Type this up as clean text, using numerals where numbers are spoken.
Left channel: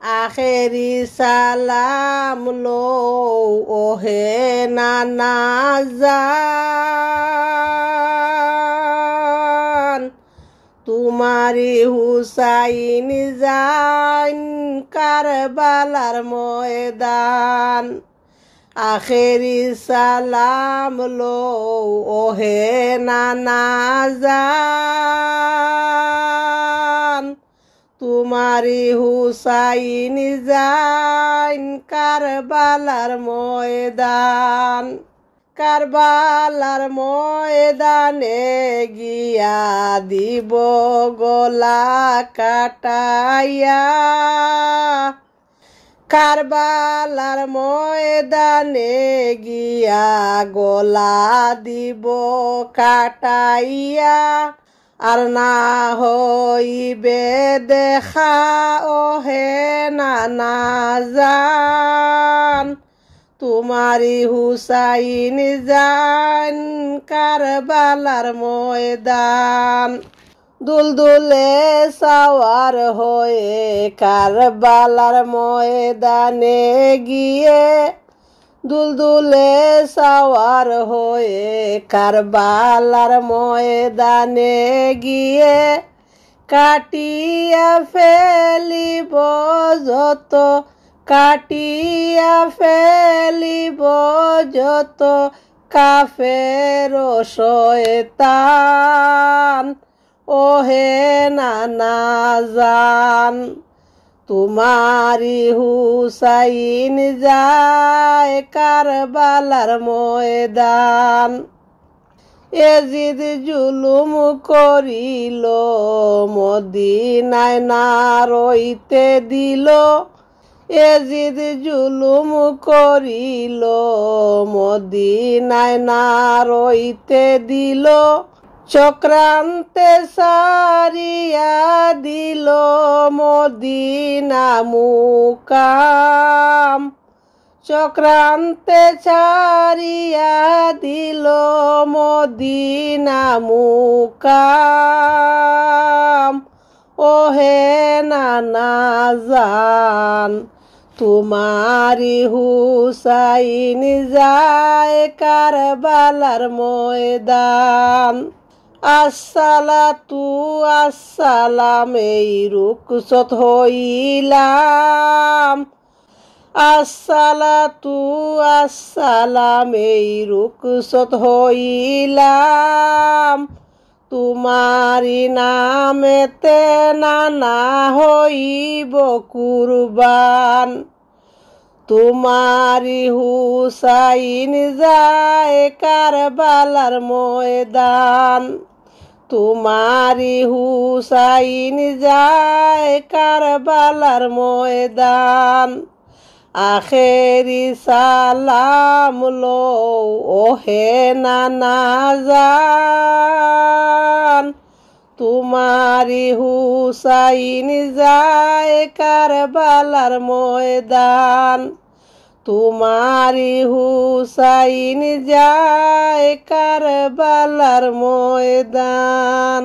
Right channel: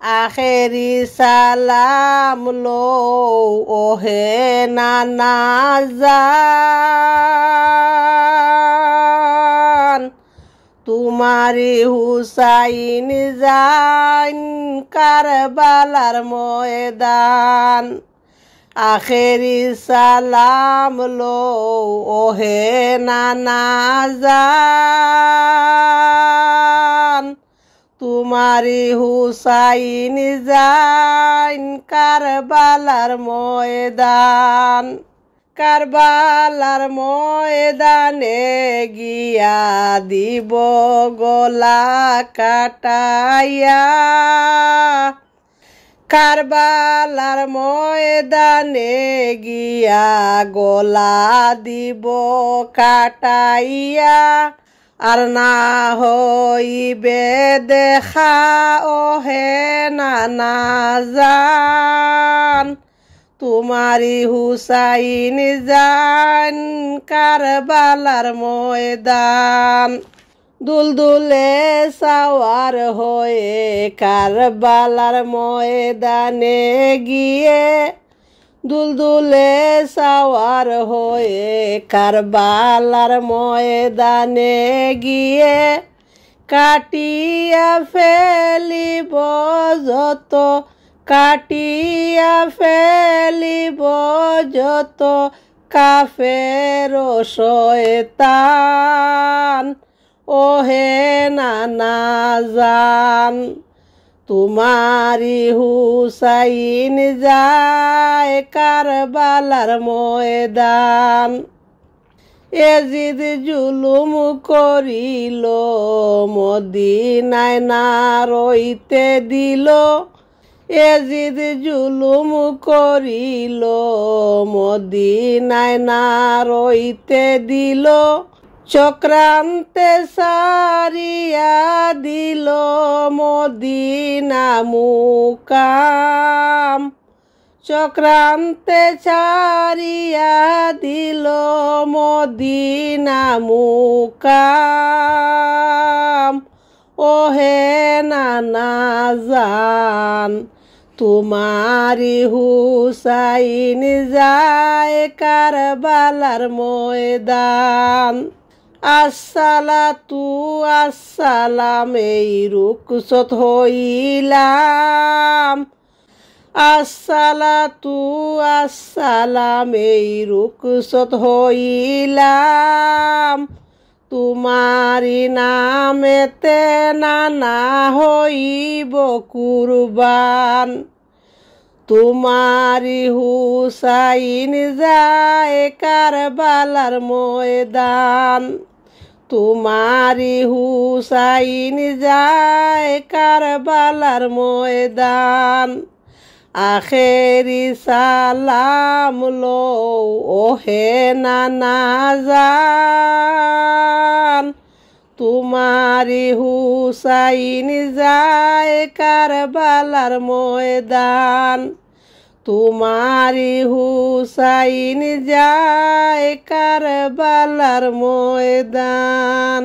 আখেরি সালাম লো ওহে নানা জান, তোমারি হুসাইন জান কারবালার ময়দান। আখেরি সালাম লো ওহে নানা জান, তোমারি হুসাইন জান কারবালার ময়দান। কারবালার ময়দানে গিয়া দিব গলা কাটাইয়া, কারবালার ময়দানে গিয়া গলা দিব কাটাইয়া। আর না হইবে দেখা ওহে নানা জান, তোমারি হুসাইন জান কারবালার ময়দান। দুলদুলে সাওয়ার হয়ে কারবালার ময়দানে গিয়ে, দুলদুলে সাওয়ার হয়ে কারবালার ময়দানে গিয়ে, কাটিয়া ফেলিব যত, কাটিয়া ফেলিব যত কাফের শয়তান ওহে নানা জান, তোমারি হুসাইন যায় কারবালার ময়দান। এজিদ জুলুম করিল মদিনায় না রইতে দিল, এজিদ জুলুম করিল মদিনায় না রইতে দিল। চক্রান্তে সারিয়া দিল মদিনা মুকাম, চক্রান্তে ছাড়িয়া দিল মদিনা মুকাম ওহে নানা জান, তোমারি হুসাইন যায় কারবালার ময়দান। আসসালাতু আসসালাম এই রুকসত হইলাম, আসসালাতু আসসালাম এই রুকসত হইলাম। তোমারি নামেতে নানা হইব কুরবান, তোমারি হুসাইন যায় কারবালার ময়দান, তোমারি হুসাইন যায় কারবালার ময়দান। আখেরি সালাম লো ওহে নানা জান, তোমারি হুসাইন যায় কারবালার ময়দান, তোমারি হুসাইন যায় কারবালার ময়দান।